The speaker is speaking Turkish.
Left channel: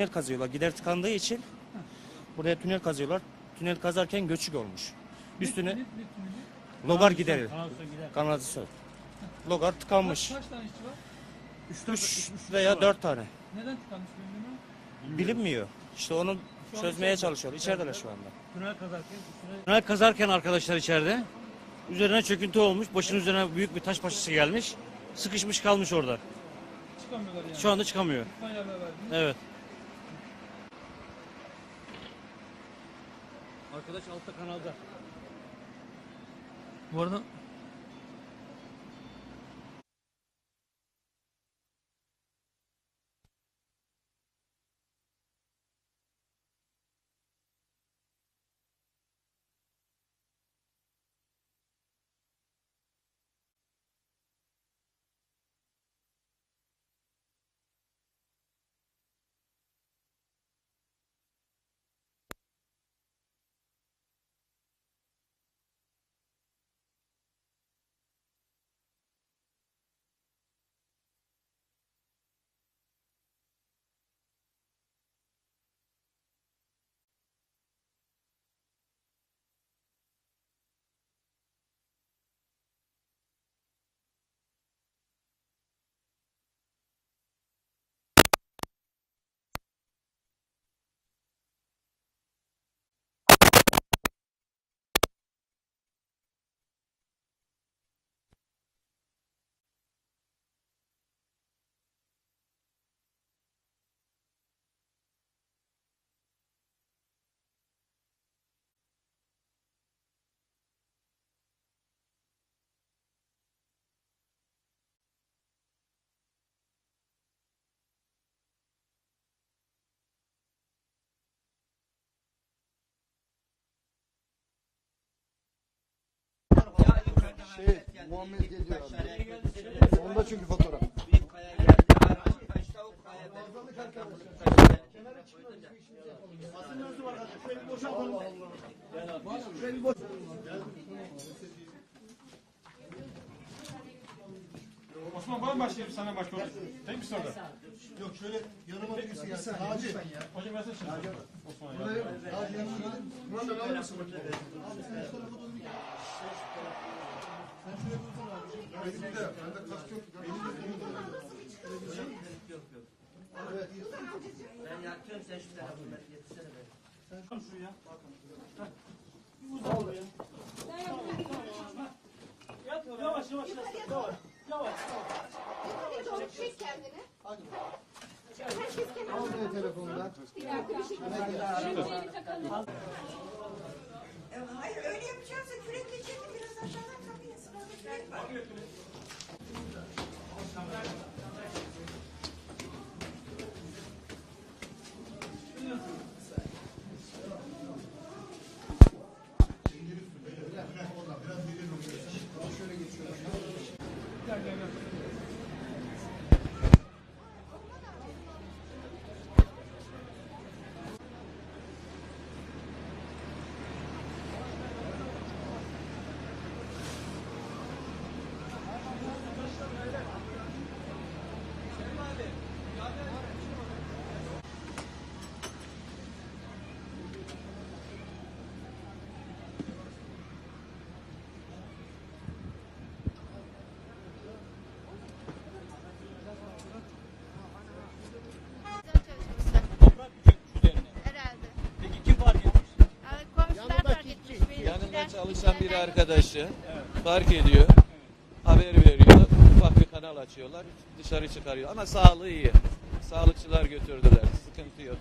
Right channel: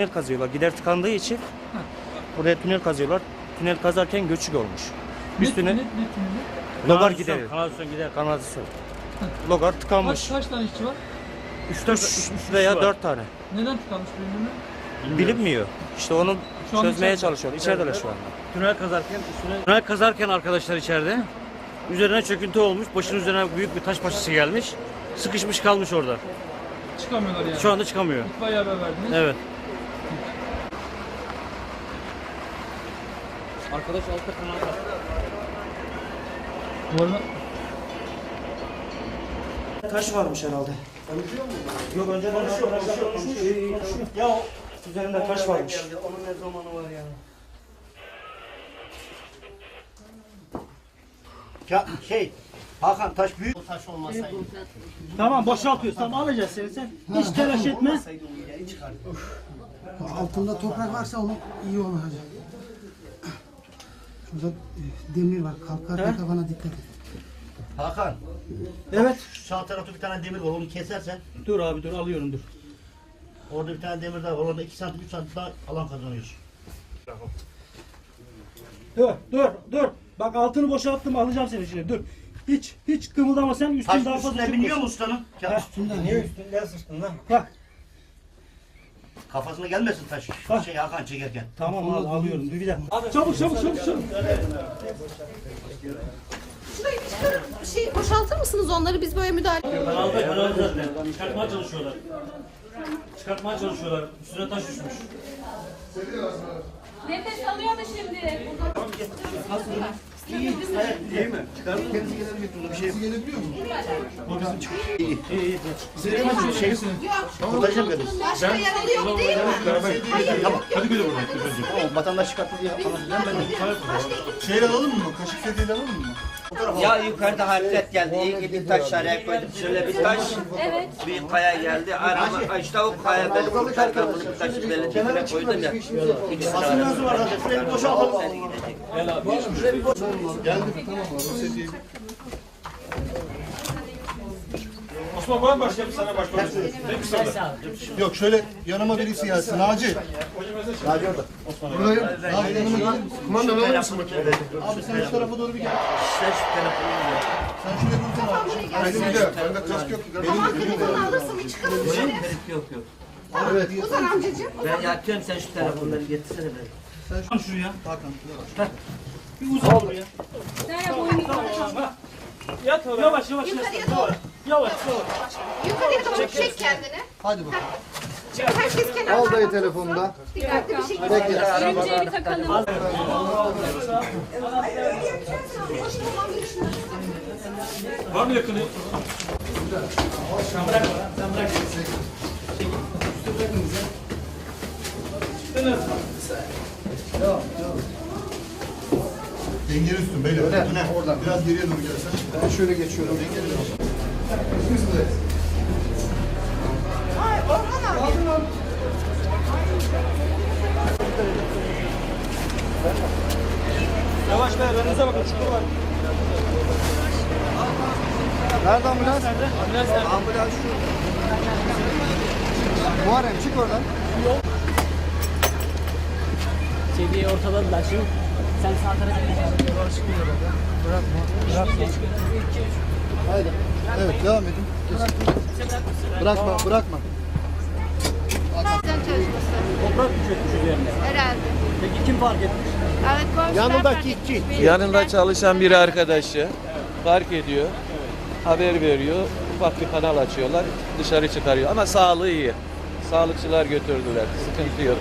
Tünel kazıyorlar. Gider tıkandığı için oraya tünel kazıyorlar. Tünel kazarken göçük olmuş. Üst tünel Ne, ne tüneli? logar gidiyor. Kanalizasyon gider. Kanalizasyon. Logar Kaç, tıkanmış. kaç tane işçi var? 3 veya 4 tane. Neden tıkanmış birbirine? Bilinmiyor. İşte onu Şu an çözmeye içeride. çalışıyor. İçerideler şu an. Tünel kazarken üstüne... Tünel kazarken arkadaşlar içeride. Üzerine çöküntü olmuş. Başının üzerine büyük bir taş parçası gelmiş. Sıkışmış kalmış orada. Çıkamıyorlar yani. Şu anda çıkamıyor. İtfaiye haber verdiniz. Evet. Arkadaş altta kanal Bu arada Taş varmış herhalde. Yok önceden arkadaşlar konuşmuş. Ya o üzerinde taş varmış. Onun ne zamanı var ya? Ya şey Hakan taş büyük o taş olmasaydı. Tamam boşaltıyoruz. Tamam alacağız seni sen. Hiç telaş etme. Altında toprak varsa onu iyi olacak. Şurada e, demir var. Kalkarken kafana dikkat et. Hakan Evet. şu sağ tarafta bir tane demir var onu kesersen Dur abi dur alıyorum dur. orada bir tane demir daha var orada 2 santim 3 santim daha alan kazanıyorsun. Dur dur dur. Bak altını boşalttım alacağım seni şimdi dur. Hiç hiç kımıldama sen üstün Taş daha fazla üstüne biniyor mu ustanın? Ya, Heh. Niye üstünden sıçtın lan? Bak kafasına gelmesin taş. Bak. Şey Hakan çekerken. tamam al alıyorum dur bir dakika. Çabuk çabuk çabuk çabuk. Şurayı bir çıkarıp şey boşaltır mısınız onları biz böyle müdahale Kanalda kanal zaten. Çıkartmaya çalışıyorlar. Çıkartmaya çalışıyorlar. Üstüne taş düşmüş. Nefes alıyor mu şimdi? Kurtaracağım beni. Başka yaralı yok değil mi? Hayır yok yok. O vatandaş çıkarttı diye anlatacağım ben de. Şeyler alalım mı? Kaşık setiyle alalım mı? Ya yukarıda hareket geldi. İyi gidip taş araya koydum. Şöyle bir taş. Evet. Bir kaya geldi. Arama işte o kaya beni kurtarken bunu bir taşı belin dibine koydum ya. İkisini Basın nasıl var zaten? Şurayı bir. Osman var mı başlayalım sana başlayalım. Yok şöyle yanıma birisi gelsin. Naci. Naci orada. Buradayım. Naci yanıma gelir misin? Kumanda alır mısın makineyi? Abi sen şu tarafa doğru bir gel. Sen şu telefonu. Sen şuraya dursana abi. Benim de. Bende kask yok. Tamam telefonu alırsın bir çıkarın dışarı. Yok yok. Evet. Ozan amcacığım. Ben yatıyorum sen şu telefonları getirsene beni. Şuraya. Hakan. Bir uzan buraya. Nereye boyun yukarı? Yat oraya. Yavaş yavaş. Yukarıya doğru. Yavaş yavaş. Yukarıya doğru çek kendini. Hadi bakalım. Herkes kenara. Al dayı telefonda. Dikkatli bir şekilde. Bekle. bir takalım. Var mı yakını? Dengeli üstün beyler. Öyle. Oradan. Biraz geriye doğru gelsen. Ben şöyle geçiyorum. Dengeli Yavaş be önünüze bakın çukur var. Nerede ambulans? Ambulans şu. Muharrem çık oradan. Seviyeyi ortaladılar şimdi. Sen sağ tarafa geçeceksin. Haydi. Evet devam edin. Bırakma bırakma. Sen çalışması. Toprak mı çökmüş üzerine? Herhalde. Peki kim fark etmiş? Evet komşular Yanındaki işçi. Yanında çalışan bir arkadaşı fark ediyor, haber veriyor, ufak bir kanal açıyorlar, dışarı çıkarıyor. Ama sağlığı iyi. Sağlıkçılar götürdüler, sıkıntı yok.